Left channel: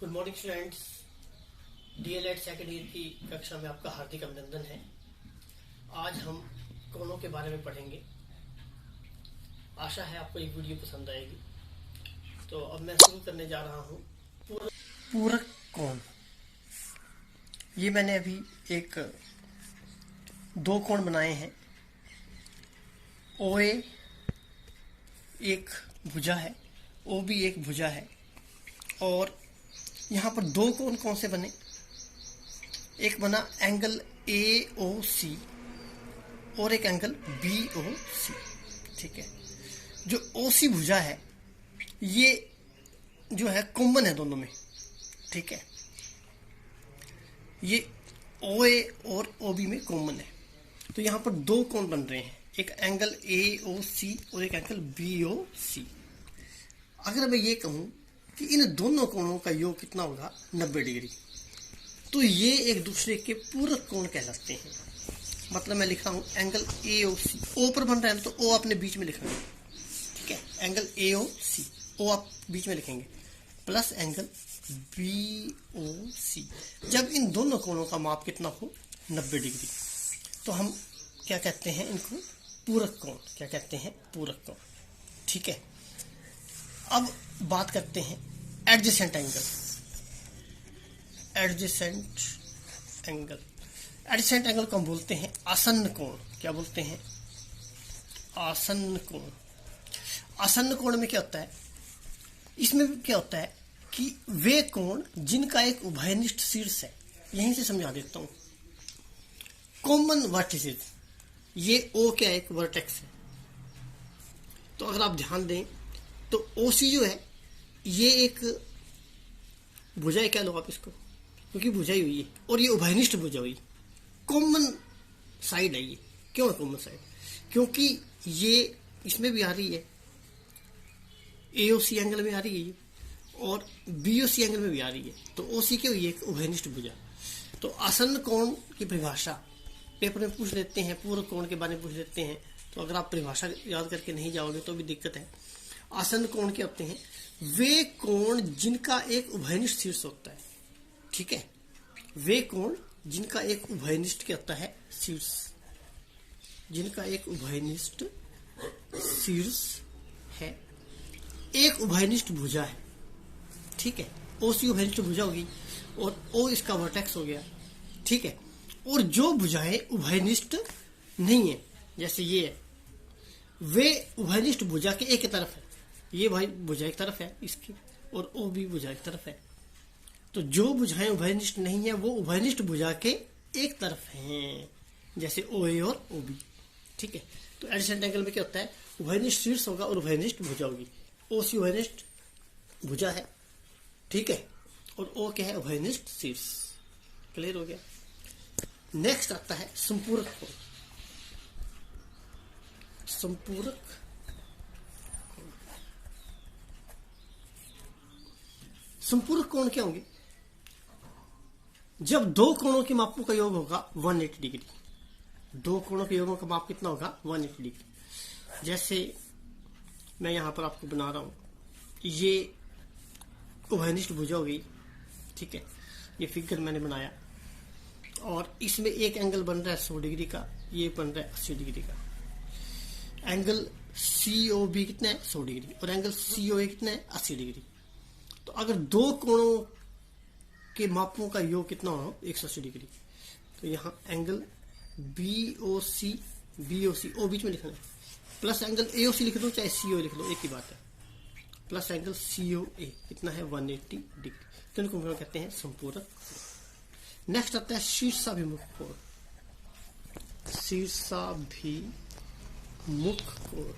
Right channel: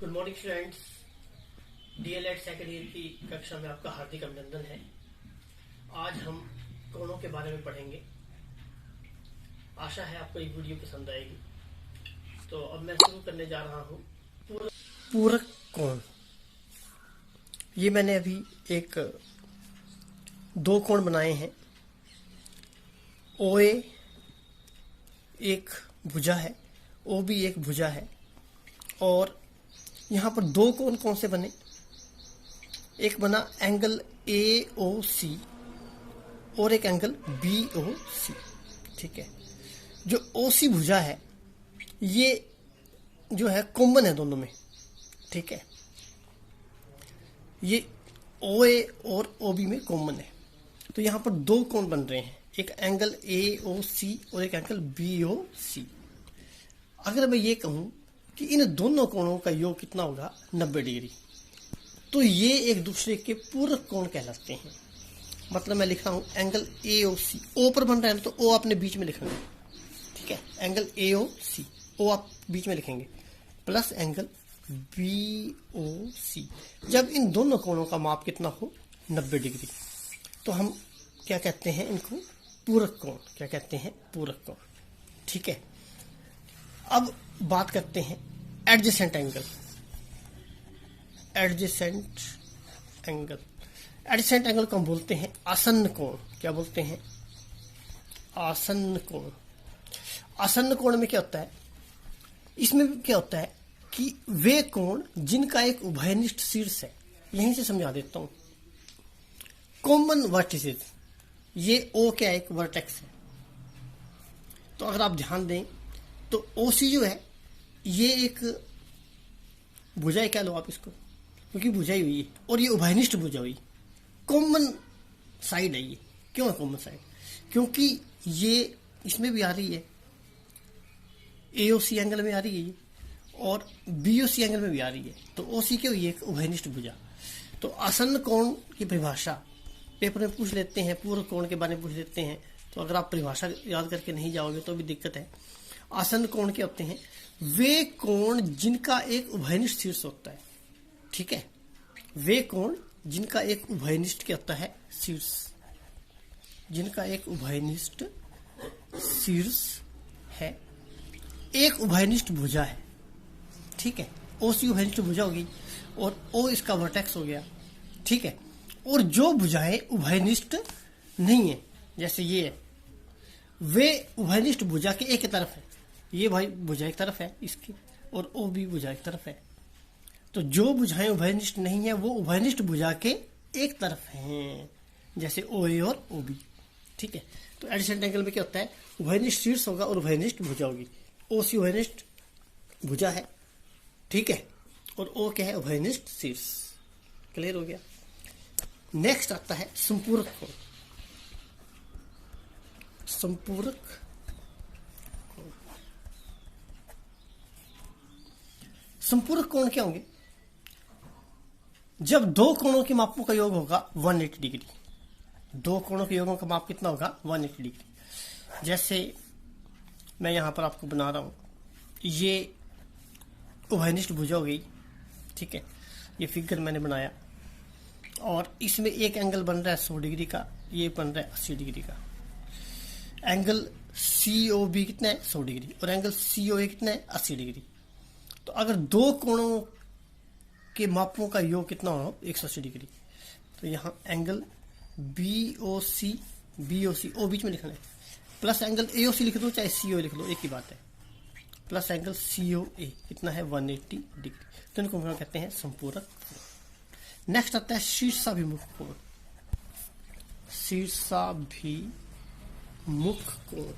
Good morning students. DElEd second year की कक्षा में आपका हार्दिक अभिनंदन है। आज हम कोणों के बारे में पढ़ेंगे। आशा है आपको ये वीडियो पसंद आएगी। तो अब मैं शुरू करने जा रहा हूँ। पूरक कोण, ये मैंने अभी दो कोण बनाए हैं। ओए एक भुजा है, ओ भी एक भुजा है, और यहाँ पर दो कोण कौन से बने? एक बना एंगल AOC और एक एंगल BOC। ठीक है, जो OC भुजा है ये जो है कॉमन है दोनों में। ठीक है, ये OA और OB में कॉमन है। तो यहाँ पर दो कोण बन रहे हैं, एक एंगल AOC और एक एंगल BOC। अगर मैं ये कहूँ कि इन दोनों कोणों का योग कितना होगा 90 डिग्री, तो ये एक दूसरे के पूरक कोण कहलाते हैं। मतलब मैं लिखा हूं एंगल AOC, O पर बन रहा है तो O आपने बीच में लिखना है। ठीक है, एंगल AOC, O आप बीच में लिखेंगे, प्लस एंगल BOC। जब इन दोनों कोणों का माप कितना हो 90 डिग्री, तो हम क्या कहते हैं इनको? पूरक कोण। क्या कहते हैं? पूरक कोण। ठीक है, अब बात करते हैं adjacent angle. Adjacent angle, adjacent angle को हम बोलते हैं आसन्न कोण। क्या बोलते हैं? आसन्न कोण। आसन्न कोण में क्या होता है? इसमें क्या होता है कि वे कोण जिनका एक उभयनिष्ठ शीर्ष है, यहीं से समझा देता हूं। कॉमन वर्टिसेस, ये O क्या एक वर्टेक्स है। तो अगर आप ध्यान दें तो OC जो है ये एक भुजा है, क्या लो आप इसको, क्योंकि भुजाई हुई है और ये उभयनिष्ठ भुजा हुई, कॉमन साइड है ये। क्यों है कॉमन साइड? क्योंकि ये इसमें भी आ रही है, AOC एंगल में आ रही है ये, और BOC एंगल में भी आ रही है। तो OC क्यों? ये एक उभयनिष्ठ भुजा। तो आसन्न कोण की परिभाषा पेपर में पूछ लेते हैं, पूरक कोण के बारे में पूछ लेते हैं, तो अगर आप परिभाषा याद करके नहीं जाओगे तो भी दिक्कत है। आसन्न कोण क्या होते हैं? वे कोण जिनका एक उभयनिष्ठ शीर्ष होता है। ठीक है, वे कोण जिनका एक उभयनिष्ठ क्या होता है? शीर्ष। जिनका एक उभयनिष्ठ शीर्ष है, एक उभयनिष्ठ भुजा है। ठीक है, OC उभयनिष्ठ भुजा होगी और O इसका वर्टेक्स हो गया। ठीक है, और जो भुजाएं उभयनिष्ठ नहीं है, जैसे ये है, वे उभयनिष्ठ भुजा के एक तरफ है। ये भाई भुजा एक तरफ है इसकी, और O भी भुजा एक तरफ है। तो जो भुजाएं उभयनिष्ठ नहीं है वो उभयनिष्ठ भुजा के एक तरफ हैं, जैसे OA और OB। ठीक है, तो एडजेसेंट एंगल में क्या होता है? उभयनिष्ठ शीर्ष होगा और उभयनिष्ठ भुजा होगी। OC उभयनिष्ठ भुजा है, ठीक है, और O क्या है? उभयनिष्ठ शीर्ष। क्लियर हो गया। नेक्स्ट आता है संपूरक कोण। संपूरक कोण, संपूरक कोण क्या होंगे? जब दो कोणों के मापों का योग होगा 180 डिग्री। दो कोणों के योगों का माप कितना होगा? 180 डिग्री। जैसे मैं यहां पर आपको बना रहा हूं, ये उभयनिष्ठ भुजा हो गई। ठीक है, ये फिगर मैंने बनाया और इसमें एक एंगल बन रहा है 100 डिग्री का, ये बन रहा है 80 डिग्री का। एंगल COB कितना है? 100 डिग्री। और एंगल COA कितना है? 80 डिग्री। तो अगर दो कोणों के मापों का योग कितना हो? 180 डिग्री। तो यहाँ एंगल BOC, O बीच में लिखना है, प्लस एंगल AOC लिख दो चाहे CO लिख लो, एक ही बात है, प्लस एंगल COA कितना है? 180 डिग्री। तो इनको हम कहते हैं संपूरक। नेक्स्ट आता है शीर्षाभिमुख कोण। शीर्षाभिमुख कोण,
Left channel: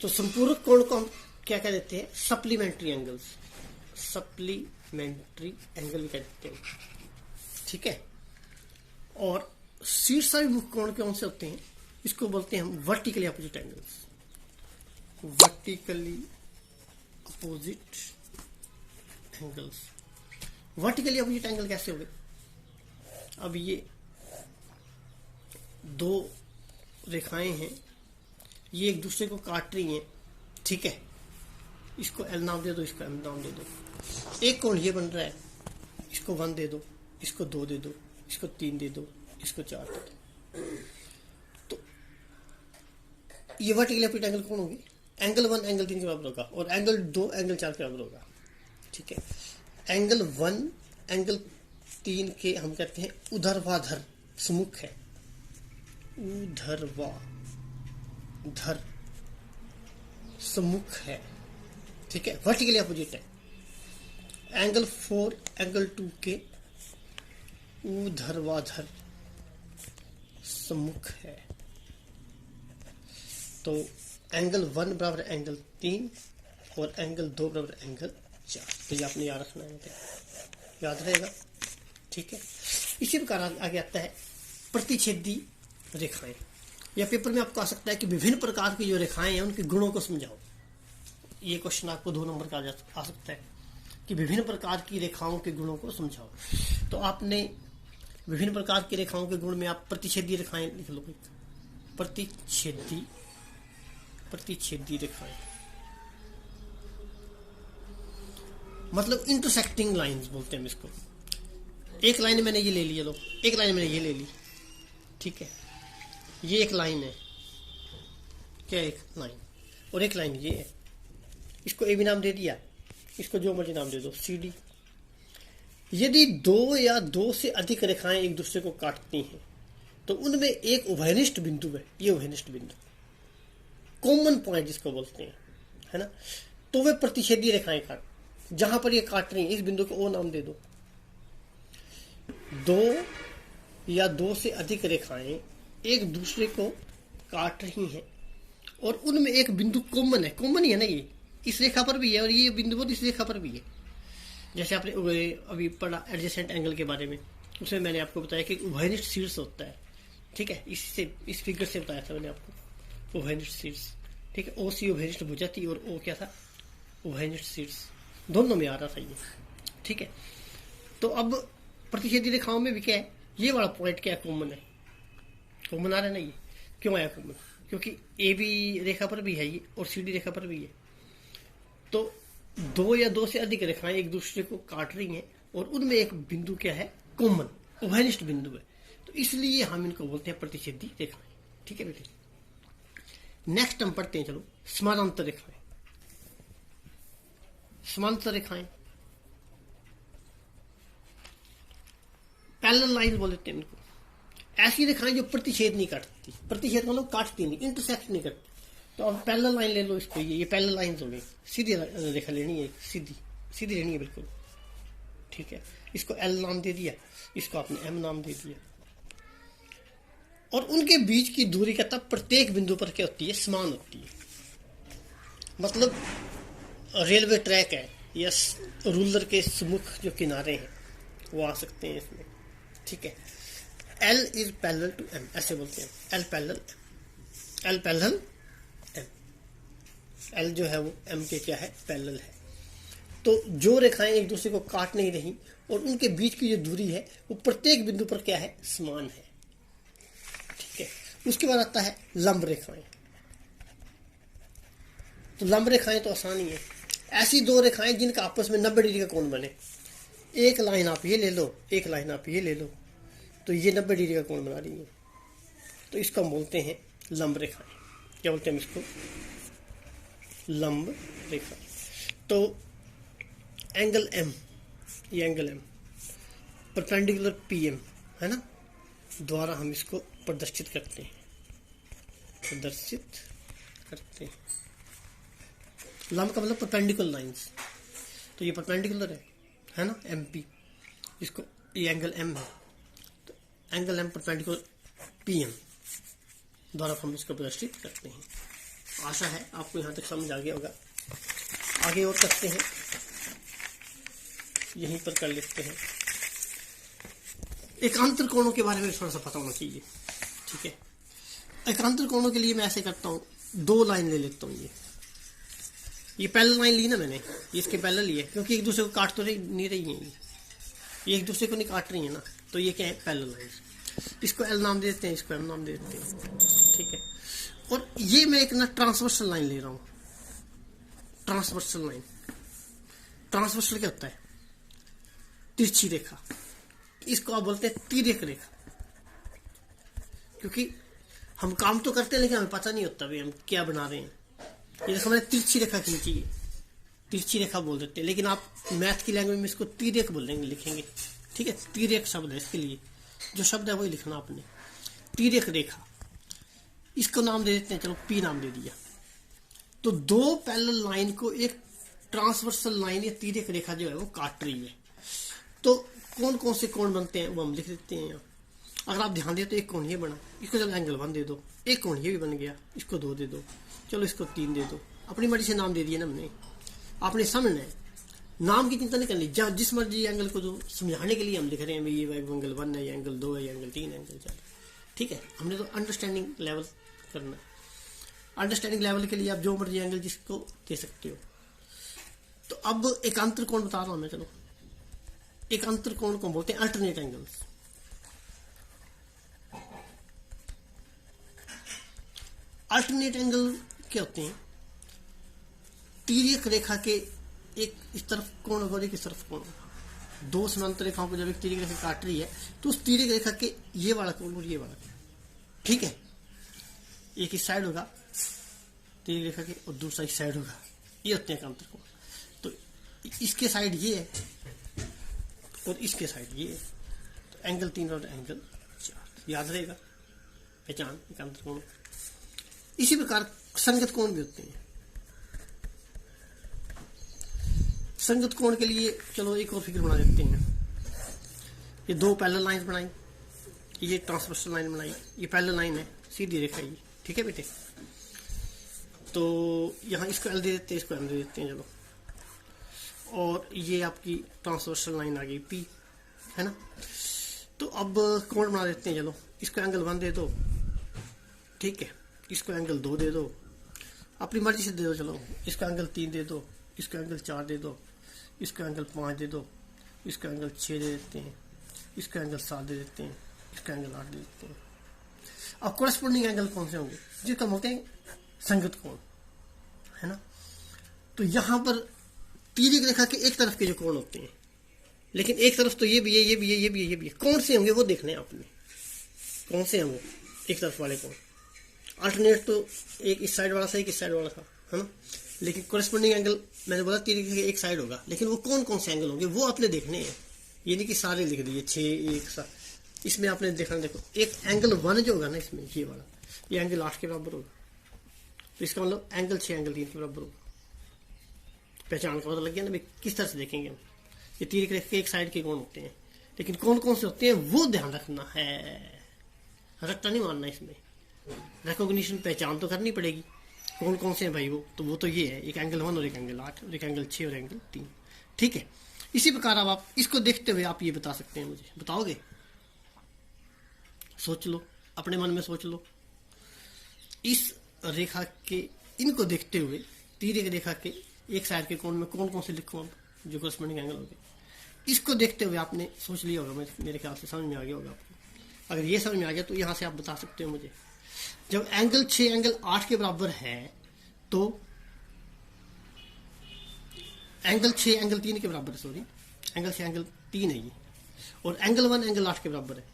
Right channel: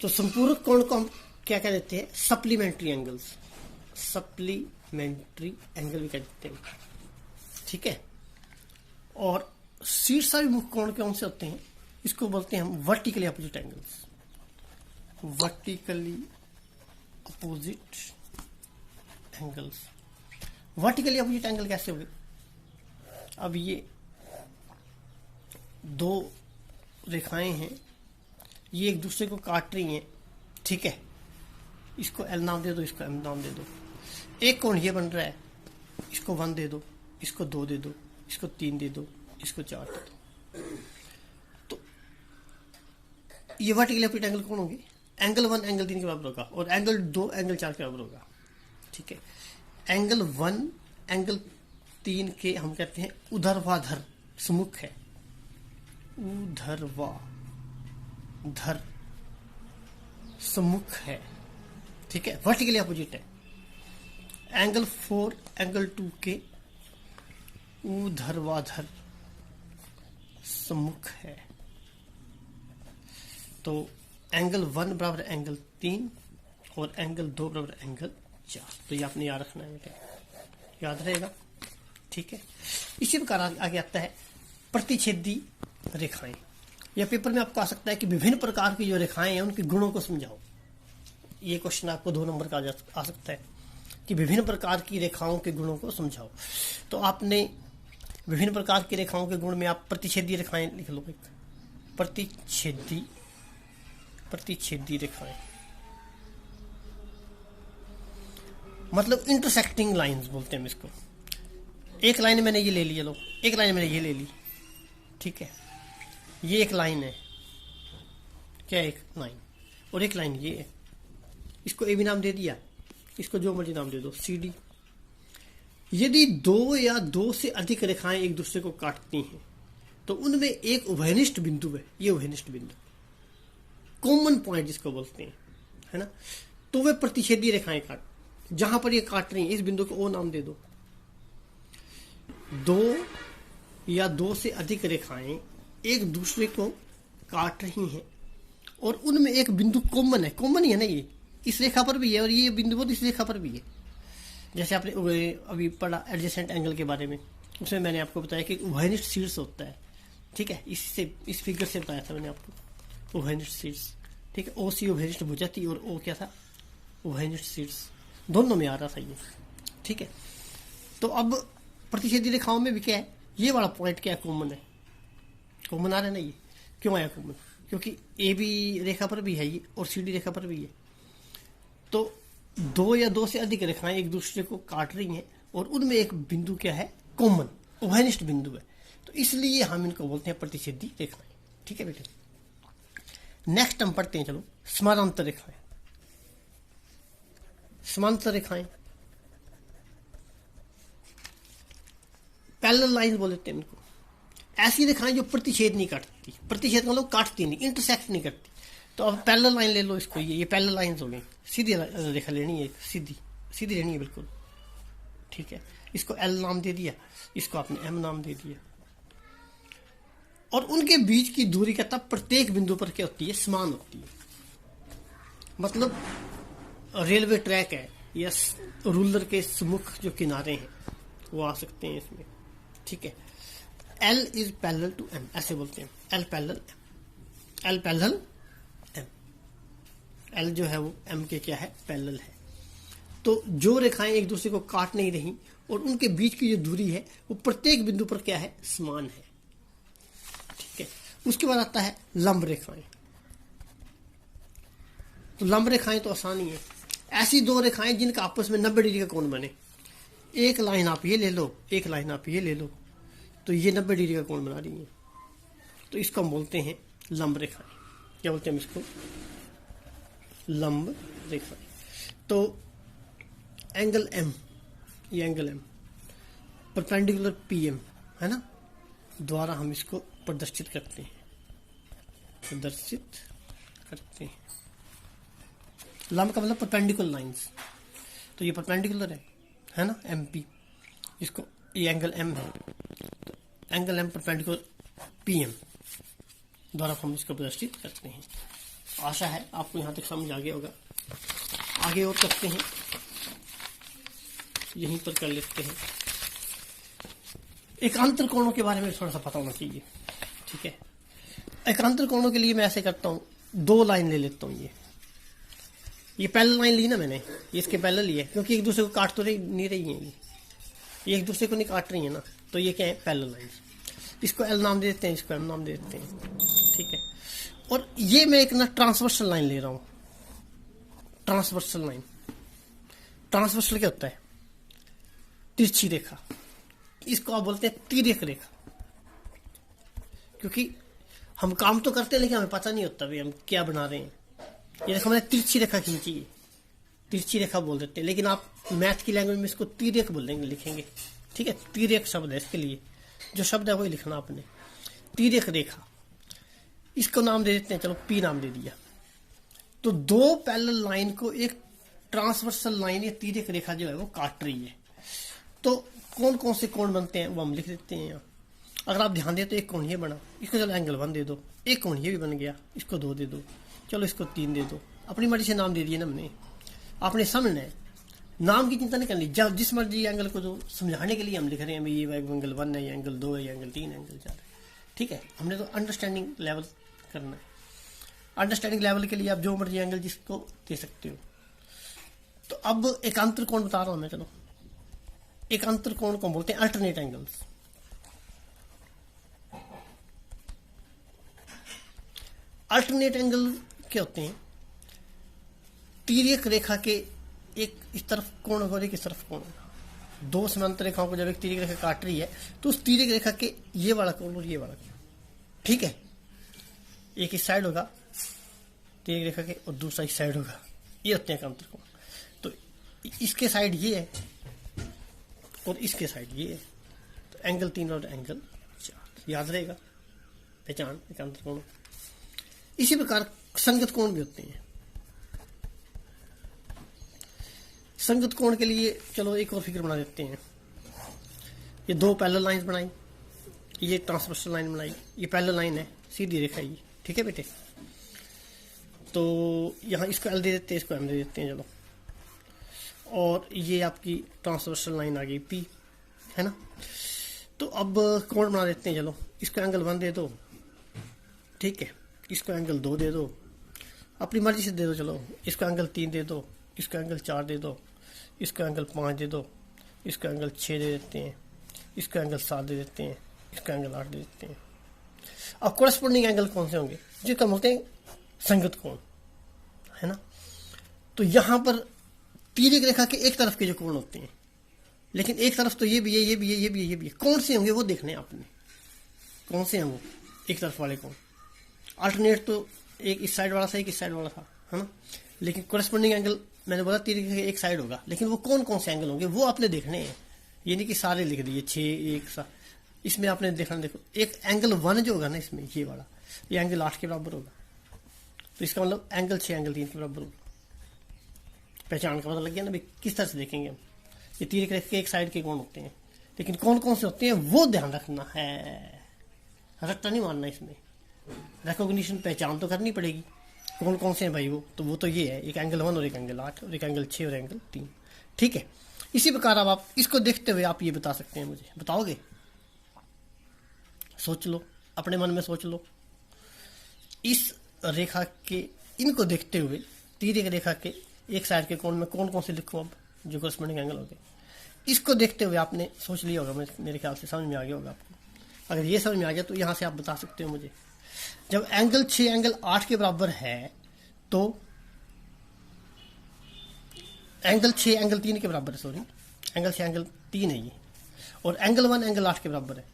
तो संपूरक कोण को हम क्या कह देते हैं? Supplementary angles. सप्लीमेंट्री एंगल भी कह देते हैं। ठीक है, और शीर्षाभिमुख कोण कौन से होते हैं? इसको बोलते हैं हम vertically opposite angles. Vertically opposite angles. Vertically opposite angle कैसे हुए? अब ये दो रेखाएं हैं, ये एक दूसरे को काट रही हैं। ठीक है, इसको एल नाम दे दो, इसको एम नाम दे दो। एक कोण ये बन रहा है, इसको 1 दे दो, इसको 2 दे दो, इसको 3 दे दो, इसको 4 दे दो। तो ये वर्टिकल एपिट एंगल कौन होगी? एंगल 1 एंगल 3 के बराबर होगा और एंगल 2 एंगल 4 के बराबर होगा। ठीक है, एंगल 1 एंगल 3 के हम कहते हैं ऊर्ध्वाधर सुमुख है, ऊर्ध्वाधर सुमुख है। ठीक है, वर्टिकली अपोजिट है। एंगल 4 एंगल 2 के ऊर्ध्वाधर सम्मुख है। तो एंगल 1 बराबर एंगल 3 और एंगल 2 बराबर एंगल 4। तो ये आपने याद रखना है, याद रहेगा। ठीक है, इसी प्रकार आगे आता है प्रतिच्छेदी रेखाएं। या पेपर में आपको आ सकता है कि विभिन्न प्रकार की जो रेखाएं हैं उनके गुणों को समझाओ। ये क्वेश्चन आपको 2 नंबर का आ सकता है कि विभिन्न प्रकार की रेखाओं के गुणों को समझाओ। तो आपने विभिन्न प्रकार की रेखाओं के गुण में आप प्रतिच्छेदी रेखाएं लिख लो। प्रतिच्छेदी रेखाएं मतलब इंटरसेक्टिंग लाइंस बोलते हैं इसको। एक लाइन मैंने ये ले लिया, लो एक लाइन मैंने ये ले ली। ठीक है, ये एक लाइन है, क्या एक लाइन, और एक लाइन ये है, इसको ए भी नाम दे दिया, इसको जो मर्जी नाम दे दो, सी डी। यदि 2 या 2 से अधिक रेखाएं एक दूसरे को काटती हैं तो उनमें एक उभयनिष्ठ बिंदु है, ये उभयनिष्ठ बिंदु कॉमन पॉइंट जिसको बोलते हैं, है ना। तो वे प्रतिच्छेदी रेखाएं काट, जहां पर ये काट रही हैं इस बिंदु को ओ नाम दे दो। 2 या 2 से अधिक रेखाएं एक दूसरे को काट रही हैं और उनमें एक बिंदु कॉमन है, कॉमन ही है ना, ये इस रेखा पर भी है और ये बिंदु इस रेखा पर भी है। जैसे आपने अभी पढ़ा एडजेसेंट एंगल के बारे में, उसमें मैंने आपको बताया कि उभयनिष्ठ शीर्ष होता है। ठीक है, इससे इस फिगर से बताया था मैंने आपको, उभयनिष्ठ शीर्ष। ठीक है, ओ सी उभयनिष्ठ भुजा थी और ओ क्या था, उभयनिष्ठ शीर्ष, दोनों में आ रहा था ये। ठीक है, तो अब प्रतिच्छेदी रेखाओं में भी क्या है, ये वाला पॉइंट क्या कॉमन है, कॉमन आ रहा है ना। ये क्यों आया कॉमन? क्योंकि ए बी रेखा पर भी है ये और सी डी रेखा पर भी है। तो 2 या 2 से अधिक रेखाएं एक दूसरे को काट रही हैं और उनमें एक बिंदु क्या है, कॉमन उभयनिष्ठ बिंदु है। तो इसलिए हम इनको बोलते हैं प्रतिच्छेदी रेखाएं। ठीक है बेटे, नेक्स्ट हम पढ़ते हैं, चलो समानांतर रेखाएं। समांतर रेखाएं पैरेलल लाइन बोल देते हैं इनको। ऐसी रेखाएं जो प्रतिच्छेद नहीं काटती, प्रतिच्छेद मतलब काटती नहीं, इंटरसेक्ट नहीं करती। तो अब पैरेलल लाइन ले लो इसको, ये पैरेलल लाइंस हो गई, सीधी रेखा लेनी है, सीधी लेनी है बिल्कुल। ठीक है, इसको एल नाम दे दिया, इसको आपने एम नाम दे दिया, और उनके बीच की दूरी का तब प्रत्येक बिंदु पर क्या होती है, समान होती है। मतलब रेलवे ट्रैक है या रूलर के सुमुख जो किनारे हैं वो आ सकते हैं इसमें। ठीक है, L is parallel to M, ऐसे बोलते हैं, एल पैरेलल एम। एल जो है वो एम के क्या है, पैरेलल है। तो जो रेखाएं एक दूसरे को काट नहीं रही और उनके बीच की जो दूरी है वो प्रत्येक बिंदु पर क्या है, समान है। ठीक है, उसके बाद आता है लंब रेखाएं। तो लंब रेखाएं तो आसान ही है, ऐसी 2 रेखाएं जिनका आपस में 90 डिग्री का कोण बने। एक लाइन आप ये ले लो, एक लाइन आप ये ले लो, तो ये 90 डिग्री का कोण बना रही है। तो इसको हम बोलते हैं लंब रेखाएं। क्या बोलते हैं हम इसको, लंब रेखा। तो एंगल एम, ये angle M perpendicular P M है ना, द्वारा हम इसको प्रदर्शित करते हैं, लंब का मतलब परपेंडिकुलर लाइंस। तो ये परपेंडिकुलर है ना, एम पी, इसको ये एंगल एम है, angle M perpendicular P M द्वारा हम इसको प्रदर्शित करते हैं। आशा है आपको यहाँ तक समझ आ गया होगा। आगे और करते हैं, यहीं पर कर लेते हैं। एकांतर कोणों के बारे में थोड़ा सा पता होना चाहिए। ठीक है, एकांतर कोणों के लिए मैं ऐसे करता हूँ, 2 लाइन ले लेता हूँ। ये पैरेलल लाइन ली ना मैंने, ये इसके पैरेलल ही है, क्योंकि एक दूसरे को काट तो नहीं रही है, ये एक दूसरे को नहीं काट रही है ना, तो ये क्या है, पैरेलल लाइन। इसको एल नाम दे देते हैं, इसको एम नाम दे देते हैं। ठीक है, और ये मैं एक ना ट्रांसवर्सल लाइन ले रहा हूँ। Transversal line. ट्रांसवर्सल क्या होता है? तिरछी रेखा। इसको आप बोलते हैं तिर्यक रेखा, क्योंकि हम काम तो करते हैं लेकिन हमें पता नहीं होता भी हम क्या बना रहे हैं। ये जैसे मैंने तिरछी रेखा खींची है, तिरछी रेखा बोल देते हैं, लेकिन आप मैथ की लैंग्वेज में इसको तिर्यक बोलेंगे, लिखेंगे। ठीक है, तिर्यक शब्द है इसके लिए, जो शब्द है वही लिखना आपने, तिर्यक रेखा। इसको नाम दे देते हैं, चलो पी नाम दे दिया। तो दो पैरेलल लाइन को एक ट्रांसवर्सल लाइन या तिर्यक रेखा जो है वो काट रही है। तो कौन कौन से कोण बनते हैं वो हम लिख देते हैं यहाँ। अगर आप ध्यान देते, एक कोण ये बना, इसको चलो एंगल 1 दे दो। एक कोण ये भी बन गया, इसको 2 दे दो। चलो इसको 3 दे दो। अपनी मर्जी से नाम दे दिए ना हमने, आपने समझना है, नाम की चिंता नहीं करनी। जब जिस मर्जी एंगल को तो समझाने के लिए हम लिख रहे हैं, ये एंगल 1 है, ये एंगल 2 है, ये एंगल 3 है, एंगल 4। ठीक है, हमने तो अंडरस्टैंडिंग लेवल करना है। अंडरस्टैंडिंग लेवल के लिए आप जो मर्जी एंगल जिसको दे सकते हो। तो अब एक अंतर कोण बता रहा हूं मैं, चलो एक अंतर कोण को बोलते हैं अल्टरनेट एंगल्स। अल्टरनेट एंगल क्या होते हैं? तिर्यक रेखा के एक इस तरफ कोण और एक इस तरफ कोण, दो समांतर रेखाओं को जब एक तिर्यक रेखा काट रही है तो उस तिर्यक रेखा के ये वाला कोण और ये वाला कोण, ठीक है, एक इस साइड होगा तिर्यक रेखा के और दूसरा इस साइड होगा, ये होते हैं अंतर कोण। तो इसके साइड ये है और इसके साइड ये है, तो एंगल 3 और एंगल 4 याद रहेगा, पहचान एक अंतर कोण। इसी प्रकार संगत कोण भी होते हैं। संगत कोण के लिए चलो एक और फिगर बना देते हैं। ये दो पैरेलल लाइंस बनाई, ये ट्रांसवर्सल लाइन बनाई, ये पैरेलल लाइन है, सीधी रेखा ये, ठीक है बेटे। तो यहाँ इसको एल दे देते हैं, इसको एल दे देते हैं, चलो। और ये आपकी ट्रांसवर्सल लाइन आ गई पी, है ना। तो अब कोण बना देते हैं, चलो। इसको एंगल 1 दे दो, ठीक है, इसको एंगल 2 दे दो, अपनी मर्जी से दे दो, चलो। इसको एंगल 3 दे दो, इसको एंगल 4 दे दो, इसका एंगल 5 दे दो, इसका एंगल 6 दे देते हैं, इसका एंगल 7 दे देते हैं, इसका एंगल 8 दे देते हैं। अब कोरस्पोंडिंग एंगल कौन से होंगे? जो कम होते हैं संगत कोण, है ना। तो यहां पर तिर्यक रेखा के एक तरफ के जो कोण होते हैं, लेकिन एक तरफ तो ये भी है, ये भी है, ये भी है, ये भी है, कौन से होंगे वो देखने हैं आपने, कौन से होंगे एक तरफ वाले कोण। अल्टरनेट तो एक इस साइड वाला था, एक इस साइड वाला था, है ना। लेकिन कोरस्पोंडिंग एंगल मैंने बोला तिर्यक रेखा एक साइड होगा, लेकिन वो कौन कौन से एंगल होंगे वो आपने देखने हैं। ये नहीं कि सारे लिख दिए 6 1 7, इसमें आपने देखना। देखो एक एंगल 1 जो होगा ना इसमें, ये वाला, ये एंगल 8 के बराबर होगा, तो इसका मतलब एंगल 6 एंगल 3 के बराबर होगा। पहचान का पता लग गया ना भाई, किस तरह से देखेंगे। ये तिर्यक रेखा के एक साइड के कोण होते हैं, लेकिन कौन कौन से होते हैं वो ध्यान रखना है, रट्टा नहीं मारना इसमें। रिकॉग्निशन पहचान तो करनी पड़ेगी, कौन कौन से हैं भाई वो। तो वो तो ये है, एक एंगल 1 और एक एंगल 8 और एक एंगल 6 और एंगल 3, ठीक है। इसी प्रकार अब आप इसको देखते हुए आप ये बता सकते हैं, मुझे बताओगे? सोच लो, अपने मन में सोच लो। इस रेखा के, इनको देखते हुए तिर्यक रेखा के एक साइड के कोण में कौन कौन से लिखो अब जो कोरस्पोंडिंग एंगल होंगे। इसको देखते हुए आपने सोच लिया होगा, मेरे ख्याल से समझ में आ गया होगा आपको। अगर ये समझ में आ गया तो यहाँ से आप बता सकते हो मुझे, जब एंगल 6 एंगल 8 के बराबर है तो एंगल 6 एंगल 3 के बराबर है, सॉरी, एंगल 6 एंगल 3 है ये, और एंगल 1 एंगल 8 के बराबर है।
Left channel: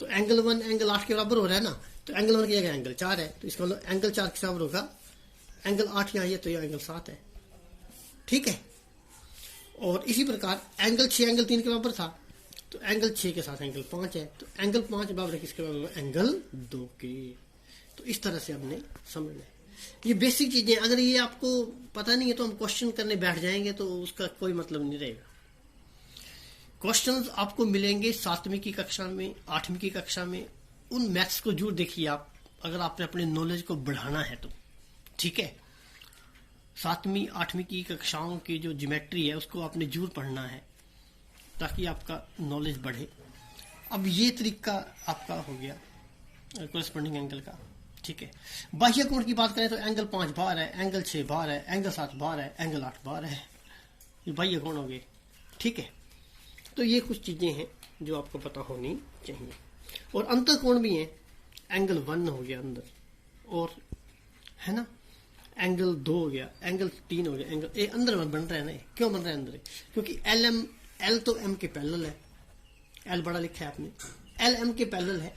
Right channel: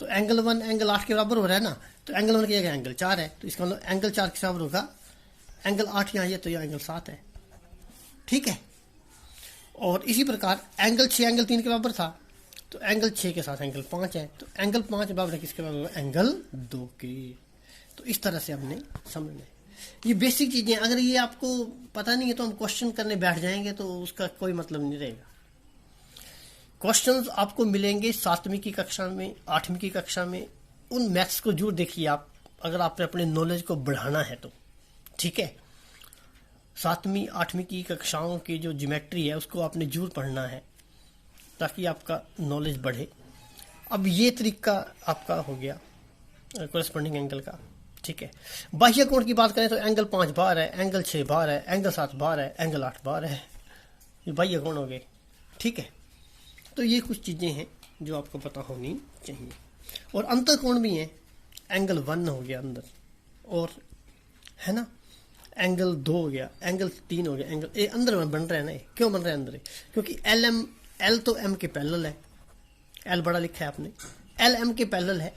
तो एंगल 1 एंगल 8 के बराबर हो रहा है ना, तो एंगल 1 की जगह एंगल 4 है, तो इसका मतलब एंगल 4 के बराबर होगा एंगल 8 यहाँ है, तो यह एंगल 7 है, ठीक है। और इसी प्रकार एंगल 6 एंगल 3 के बराबर था, तो एंगल 6 के साथ एंगल 5 है, तो एंगल 5 बराबर किसके बराबर? एंगल 2 के। तो इस तरह से हमने समझना है। ये बेसिक चीजें, अगर ये आपको पता नहीं है तो हम क्वेश्चन करने बैठ जाएंगे तो उसका कोई मतलब नहीं रहेगा। क्वेश्चंस आपको मिलेंगे 7वीं की कक्षा में, 8वीं की कक्षा में। उन मैथ्स को जरूर देखिए आप, अगर आपने अपने नॉलेज को बढ़ाना है तो, ठीक है। 7वीं 8वीं की कक्षाओं की जो ज्योमेट्री है उसको आपने जरूर पढ़ना है ताकि आपका नॉलेज बढ़े। अब ये तरीका आपका हो गया कोरस्पोंडिंग एंगल का, ठीक है। बाह्य कोण की बात करें तो एंगल 5 बार है, एंगल 6 बार है, एंगल 7 बार है, एंगल 8 बार है, ये बाह्य कोण हो गए, ठीक है। तो ये कुछ चीजें हैं जो आपको पता होनी चाहिए। और अंतर कोण भी है, एंगल 1 हो गया अंदर, और है ना, एंगल 2 हो गया, एंगल 3 हो गया, एंगल ए अंदर में बन रहा है ना। क्यों बन रहा है अंदर? क्योंकि एल तो एम के पैरेलल है, एल बड़ा लिखा है आपने, एल एम के पैरेलल है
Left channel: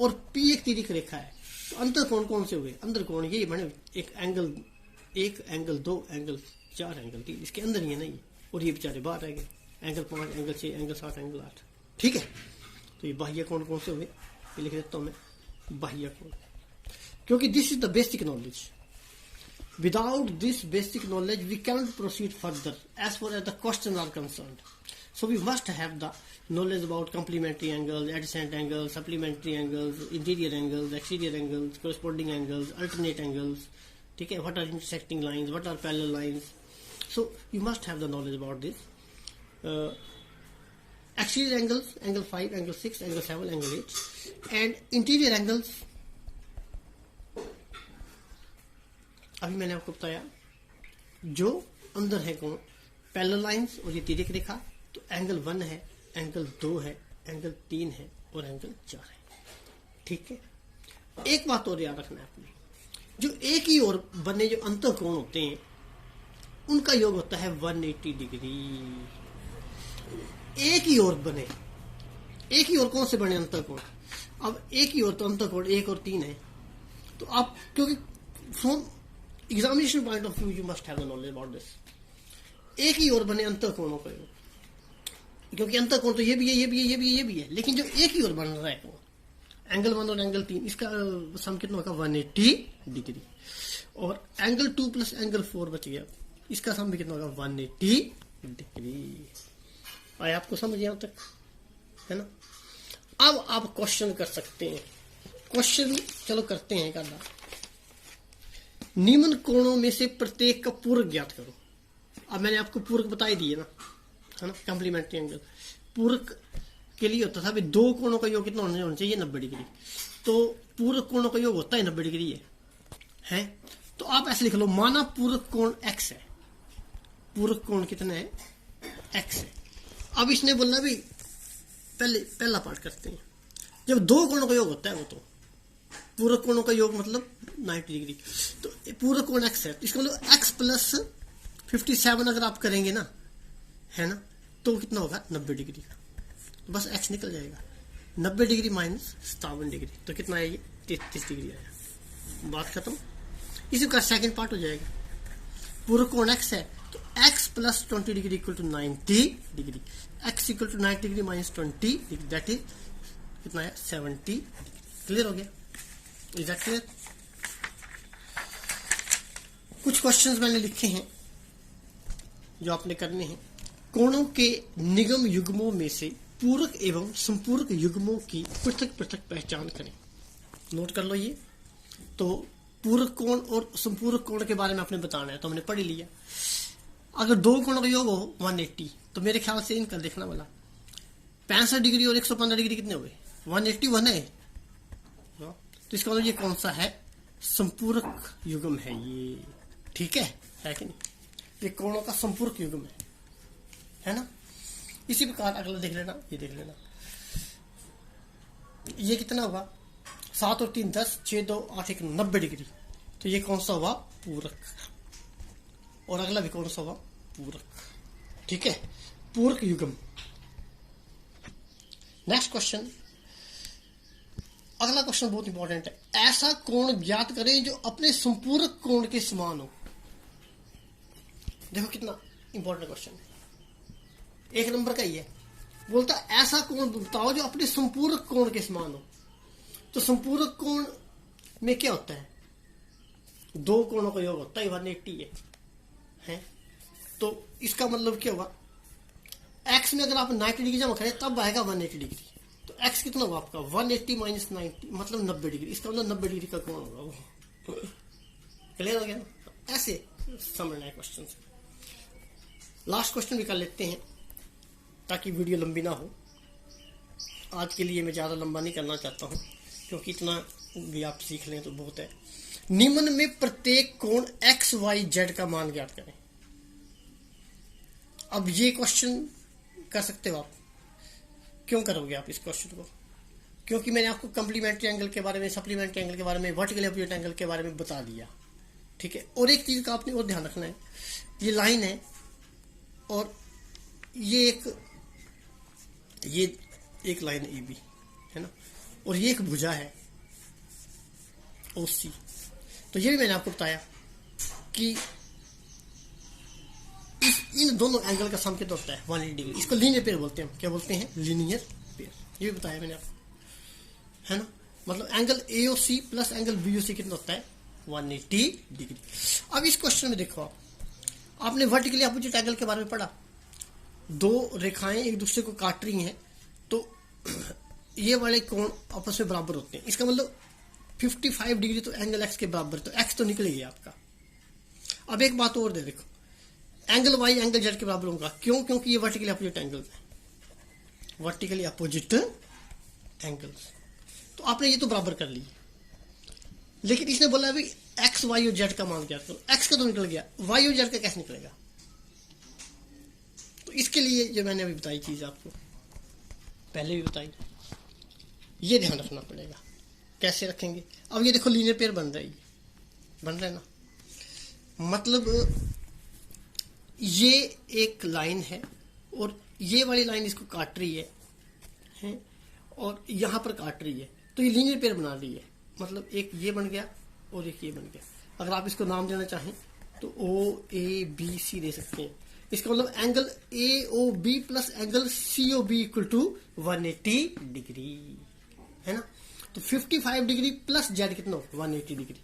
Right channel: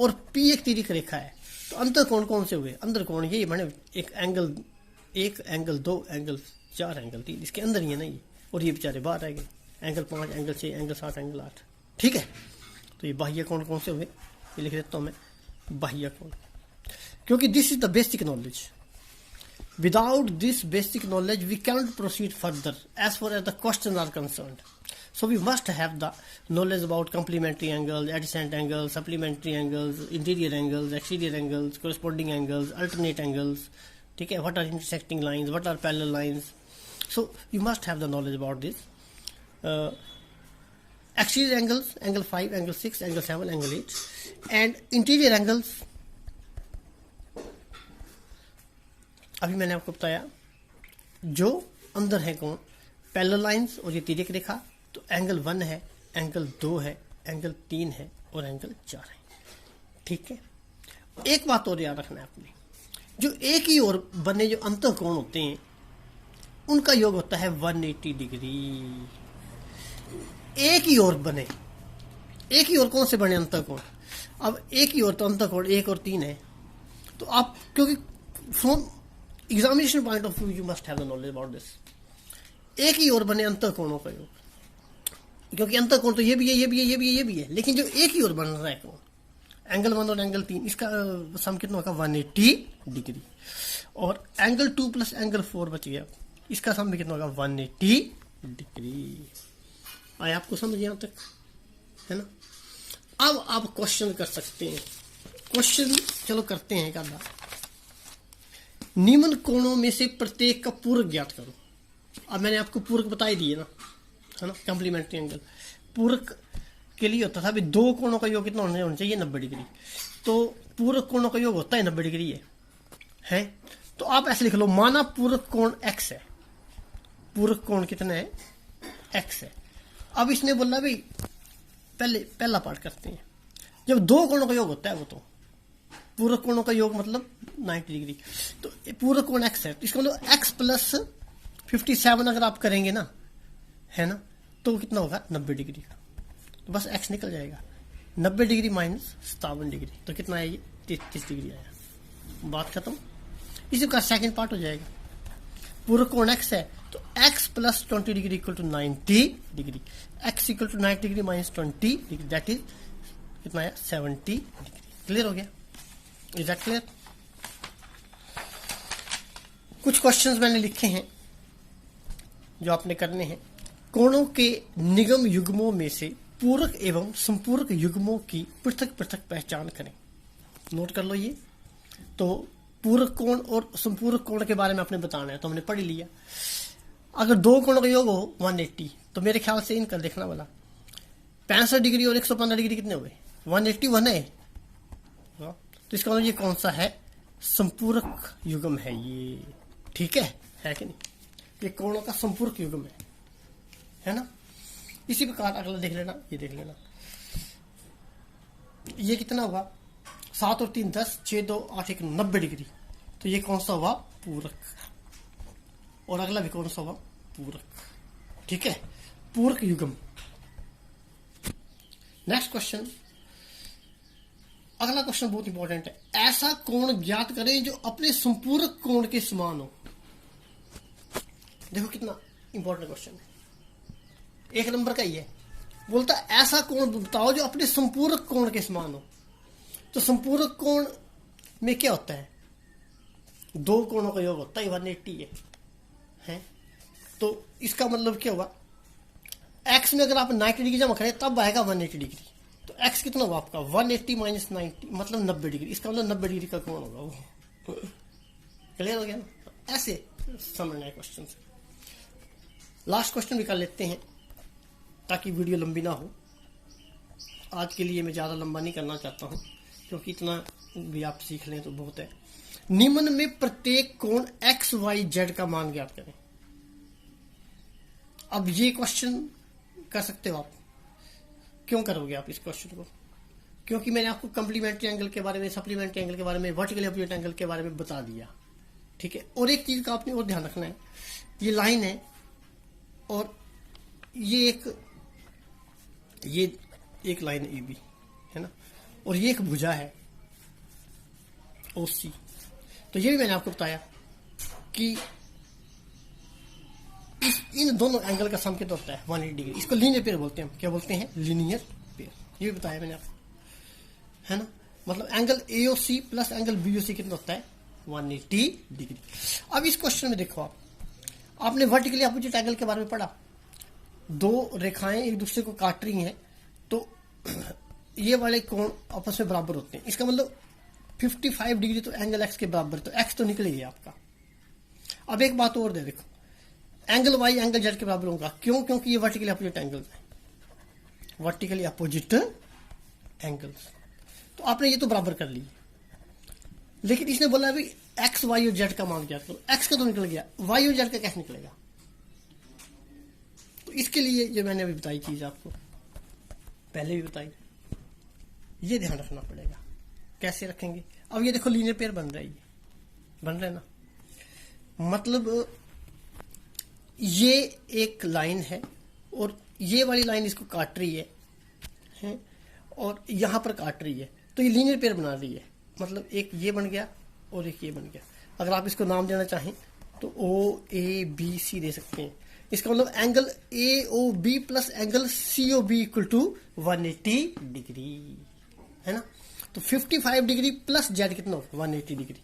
और पी एक तिर्यक रेखा है। तो अंतर कोण कौन से हुए? अंतर कोण यही बने, एक एंगल 2, एंगल 4, एंगल 3, इसके अंदर ही है नहीं। और ये बेचारे बाहर आ गए, एंगल 5, एंगल 6, एंगल 7, एंगल 8। ठीक है, तो ये बाह्य कोण कौन से हुए? ये लिख देता हूं मैं, बाह्य कोण। क्योंकि this is the basic knowledge, without this basic knowledge we cannot proceed further as far as the questions are concerned. So we must have the knowledge about complementary angles, adjacent angles, supplementary angles, interior angles, exterior angles, corresponding angles, alternate angles. ठीक है, what are intersecting lines, what are parallel lines. So you must have the knowledge about this. Exterior angles, angle 5, angle 6, angle 7, angle 8, and interior angles. अभी मैंने आपको बताया जो अंदर है कोण, पैरेलल लाइंस और ये तिर्यक रेखा। तो एंगल 1 है, एंगल 2 है, एंगल 3 है और एंगल 4 है। ठीक है, एक बात और याद रखना है आपने, जो एक ही ओर बने जो अंतर कोण होते हैं उनका योग होता है 180 डिग्री। एक ही ओर बने, एक ही ओर कौन से बने अंतर कोण? अब एक ही ओर तो अंतर कोण 1 और 3 है। तो आप, क्योंकि from examination point of view you must have the knowledge about this. एक ही ओर बने अंतर कोणों का योग, क्योंकि अंतर कोण तो ये भी है, ये भी है, ये भी है, ये भी है, लेकिन जो एक ही ओर बन रहा है कोण, एंगल 1 और एंगल 3, इसका सम कितना होगा? 180 डिग्री। और एंगल 2 प्लस एंगल 4 बच गया, इसका सम भी कितना होगा? 180 डिग्री। आया आपको समझ यहाँ तक, है ना? अब आप क्वेश्चन कर सकते हैं। क्वेश्चन चलो करते हैं क्या? निम्न कोणों में से प्रत्येक का पूरक ज्ञात करो। अब मैंने आपको पूरक बता ही दिए ना, है ना? कॉम्प्लीमेंट्री एंगल पूरक के लिए होता था अभी दो कोणों का योग कितना होना चाहिए? 90 डिग्री। तो पूरक कोणों का योग होता है 90 डिग्री है। तो आप ऐसे लिख लो, माना पूरक कोण x है, पूरक कोण कितना है? x है। अब इसने बोला भाई पहला पार्ट करते हैं। जब दो कोणों का योग होता है वो तो पूरक कोणों का योग मतलब 90 डिग्री। तो पूरक कोण x है, तो इसका मतलब x प्लस 57 अगर आप करेंगे ना, है ना, तो कितना होगा? 90 डिग्री। तो बस x निकल जाएगा। 90 डिग्री माइनस 57 डिग्री, तो कितना आएगी? 33 डिग्री आया। बात खत्म। इसी का सेकंड पार्ट हो जाएगा। पूरक कोण x है तो x plus 20 degree equal to 90 degree. x equal to 90 degree minus 20 degree, that is कितना आया? 70 डिग्री। क्लियर हो गया? Is that clear? कुछ क्वेश्चंस मैंने लिखे हैं जो आपने करने हैं। कोणों के निगम युग्मों में से पूरक एवं संपूरक युग्मों की पृथक पृथक पहचान करें। नोट कर लो ये। तो पूरक कोण और संपूरक कोण के बारे में आपने बताना है, तो हमने पढ़ लिया। अगर दो कोणों का योग हो 180, तो मेरे ख्याल से इनका देखना वाला 65 डिग्री और 115 डिग्री कितने हो गए? 181 है। तो इसका मतलब ये कौन सा है? संपूरक युग्म है ये। ठीक है कि नहीं? ये कोणों का संपूरक युग्म है ना? इसी प्रकार अगला देख लेना, ये देख लेना, ये कितना होगा? 7 और 3 10, 6 2 8 1 90 डिग्री। तो ये कौन सा हुआ? पूरक। और अगला भी कौन सा हुआ? पूरक। ठीक है, पूरक युग्म। नेक्स्ट क्वेश्चन, अगला क्वेश्चन बहुत इंपॉर्टेंट है। ऐसा कोण ज्ञात करें जो अपने संपूरक कोण के समान हो। देखो कितना इंपॉर्टेंट क्वेश्चन, 1 नंबर का ही है। बोलता ऐसा कोण बताओ जो अपने संपूरक कोण के समान हो। तो संपूरक कोण में क्या होता है? दो कोणों का योग होता है, 180 है। तो इसका मतलब क्या होगा? x में अगर आप 90 डिग्री जमा करें तब आएगा 180 डिग्री। तो x कितना हुआ आपका? 180 माइनस 90 मतलब 90 डिग्री। इसका मतलब 90 डिग्री का कोण होगा वो। क्लियर हो गया ना? ऐसे समझना है क्वेश्चन। लास्ट क्वेश्चन भी कर लेते हैं ताकि वीडियो लंबी ना हो। आज के लिए मैं ज़्यादा लंबा नहीं करना चाहता हूँ, क्योंकि इतना भी आप सीख लें तो बहुत है। निम्न में प्रत्येक कोण एक्स वाई जेड का मान ज्ञात करें। अब ये क्वेश्चन कर सकते हो आप। क्यों करोगे आप इस क्वेश्चन को? क्योंकि मैंने आपको कॉम्प्लीमेंट्री एंगल के बारे में, सप्लीमेंट्री एंगल के बारे में, वर्टिकल अपोजिट एंगल के बारे में बता दिया। ठीक है। और एक चीज का आपने और ध्यान रखना है, ये लाइन है और ये एक लाइन ए बी है ना, और ये एक भुजा है ओ सी। तो ये भी मैंने आपको बताया कि इन दोनों एंगल का सम कितना होता है 180 डिग्री। इसको लीनियर पेयर बोलते हैं। क्या बोलते हैं? Linear pair. ये भी बताया मैंने आपको, है ना। मतलब angle AOC plus angle BOC कितना होता है? 180 डिग्री। अब इस क्वेश्चन में देखो, आपने वर्टिकली अपोजिट एंगल के बारे में पढ़ा। दो रेखाएं एक दूसरे को काट रही हैं तो ये वाले कोण आपस में बराबर होते हैं। इसका मतलब 55 डिग्री तो एंगल एक्स के बराबर, तो एक्स तो निकल गया आपका। अब एक बात और दे देखो, एंगल वाई एंगल जेड के बराबर होगा। क्यों? क्योंकि ये वर्टिकली अपोजिट एंगल है, वर्टिकली अपोजिट एंगल। तो आपने ये तो बराबर कर ली, लेकिन इसने बोला अभी एक्स वाई और जेड का मान क्या, तो एक्स का तो निकल गया, वाई और जेड का कैसे निकलेगा? तो इसके लिए ये मैंने अभी बताई चीज आपको, पहले भी बताई, ये ध्यान रखना पड़ेगा। कैसे रखेंगे? अब ये देखो लीनियर पेयर बन रहा है ना, मतलब ये एक लाइन है और ये वाली लाइन इसको काट रही है और यहां पर काट रही है, तो ये लीनियर पेयर बना रही है। मतलब एक ये बन गया और एक ये बन गया। अगर आप इसको नाम देना चाहें तो OABC दे सकते हैं। इसका मतलब angle AOB plus angle COB equal to 180 degree, है ना। तो 55 डिग्री प्लस जेड कितना होगा? 180 डिग्री।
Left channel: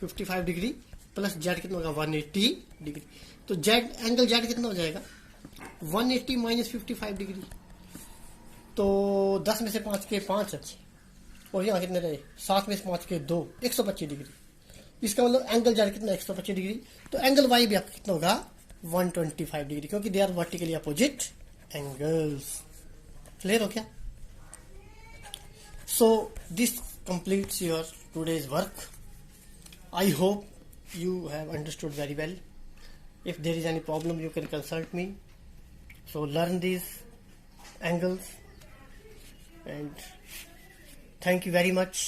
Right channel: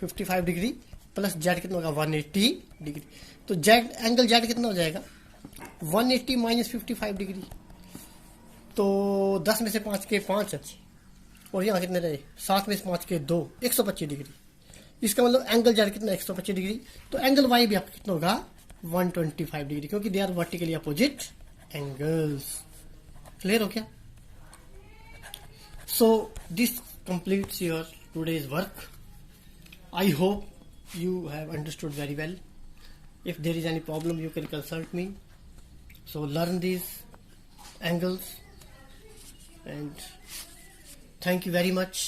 55 डिग्री प्लस जेड कितना होगा? 180 डिग्री। तो जेड एंगल जेड कितना हो जाएगा? 180 माइनस 55 डिग्री। तो 10 में से 5 के 5 और यहाँ कितने रहे? 7 में से 5 के 2, 125 डिग्री। इसका मतलब एंगल जेड कितना? 125 डिग्री। तो एंगल वाई भी आपका कितना होगा? 125 डिग्री, क्योंकि they are vertically opposite angles. Clear हो क्या? So this completes your today's work. I hope you have understood very well. If there is any problem, you can consult me. So learn these angles, and thank you very much.